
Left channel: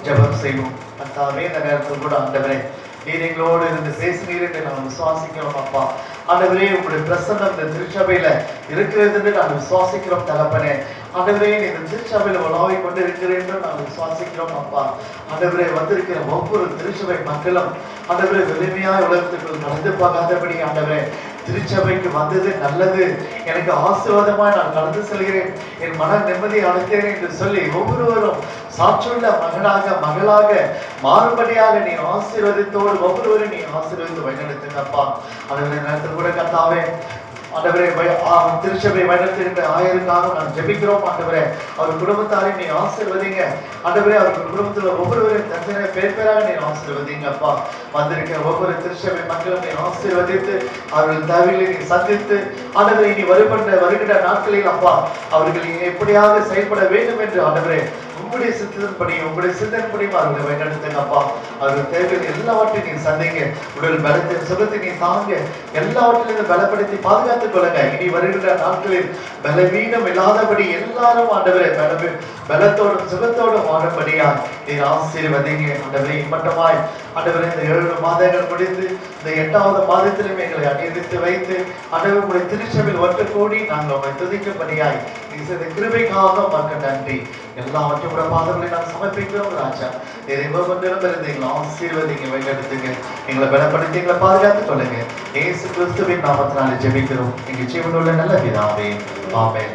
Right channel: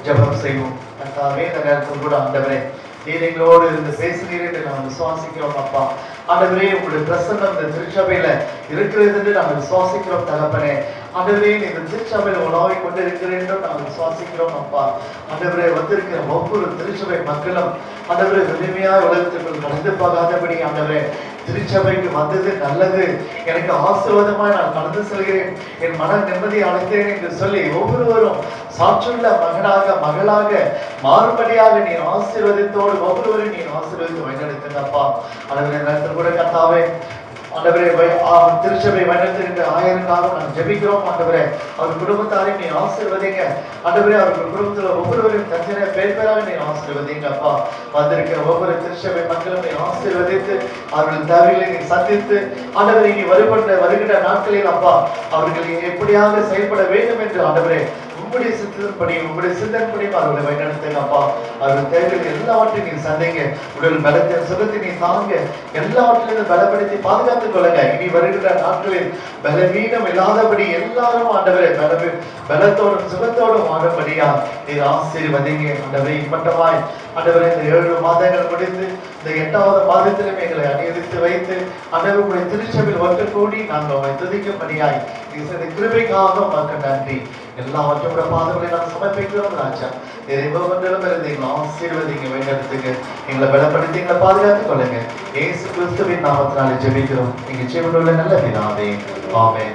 ஜெபம் செய்வோம். தமிழ் இந்த நேரத்தில் கூட ஆண்டவரை நீர் எங்களோடு இருந்து பேசுகிறீர் என்று நாங்கள் விசுவாசிக்கிறோம் அப்பா. ஆண்டவரே உங்களுடைய பிரசன்னம் இந்த திருச்சபையில இருக்கிறது என்று நாங்கள் விசுவாசிக்கிறோம் தகப்பனே. ஆண்டவரே நீ இந்த திருச்சபையில் உலாவிக் கொண்டு இருக்கிறேன் என்று நாங்கள் விசுவாசிக்கிறோம் அப்பா. ஆண்டவரே வந்திருக்கிற ஒவ்வொரு திருச்சபை மக்களும் ஆண்டவரே எளிமையா உலகத்திற்குள் நடந்து போகாதபடி ஆண்டவரே. திருச்சபைக்கு வந்தது நல்லது. எனக்கு ஆசீர்வாதமாய் நான் கடந்து செல்கிறேன். என் மன நிம்மதி அடைந்தேன் என்று சொல்லி ஒவ்வொருவரும் சாற்றுள்ள மகனாக மகளாக மாறுபடியாக நீ ஆசீர்வதித்தோடு ஒவ்வொருவரும் நீ ஆசீர்வதித்து வழிநடத்துங்கப்பா. ஆண்டவரே நேரத்தில் கூட கத்தாவே ஆண்டவரே அவன் ஆ, திருச்சபை வண்ணத்திற்கு ஆயிரக்காக நான் ஜெபிக்கிறோம் ஆண்டவரே. அவர் குடும்பத்தாரை நீ ஆசீர்வதிங்க. ஆண்டவரே அவர் குடும்பத்தில் ஒவ்வொருவரையும் தனித்தனியாக பேர் பேராக நீ ஆசீர்வதிங்க அப்பா. வந்திருக்கிற ஒவ்வொரு திருச்சபை மக்களும் நீ ஆசீர்வதித்து அவர்கள் தேவைகளை நீ சந்தித்து ஆண்டவரை நீ வருகின்ற வருகின்ற நாட்களில் அப்பா அவர்கள் நீ எப்படியாவது செயல்பட வேண்டும் என்று ஆண்டவரே. உங்களுடைய சித்தத்தின்படி உங்களுடைய சிந்தனைப்படியும் அவருடைய வழிநடத்துங்க அப்பா. அவருடைய தேவைகள் எல்லாவற்றையும் நீ சந்தைங்க. உடல் பலத்தை சுகத்தை நீ தாங்க எல்லாவற்றிலும் பலப்படுத்தி பாதுகாத்துக் கொள்ளுங்க. இனி வருகிற நாட்களில் பலவீனம் இல்லாதபடி எல்லாரும் ஆண்டவரை பலவி பலத்தோடும் சுகத்தோடும் வாழும்படியா நீ ஆசீர்வதிங்க. ஆண்டவரை மட்டமாய் ஆண்டவரை இந்த ஏழு மாதங்கள் முடிந்து இந்த எட்டாவது மாதத்திலும் எங்களை அணிவித்து வைத்து ஆண்டவருடைய திருச்சபையில் வட்டு கூடி நாங்கள் உங்களை துதிக்கும்படியாய் நீ செய்த கிருபைக்காக உமக்கு நன்றி. எல்லாவற்றும் கூட பாதங்களை நான் சமர்ப்பிக்கிறோம் ராஜா. எரிபோ ஒன்றிலும் இருந்து எங்களை ஆசீர்வதிங்க வழிநடத்துங்க எங்களை பலப்படுத்தி எங்களை பாதுகாத்துக் கொள்ளுங்க. ஏசு கிறிஸ்துவின் நாமத்தினால ஜெபிக்கிறோம். எங்க ஜீவனுள்ள நல்ல பிதாவே. ஆமேன்.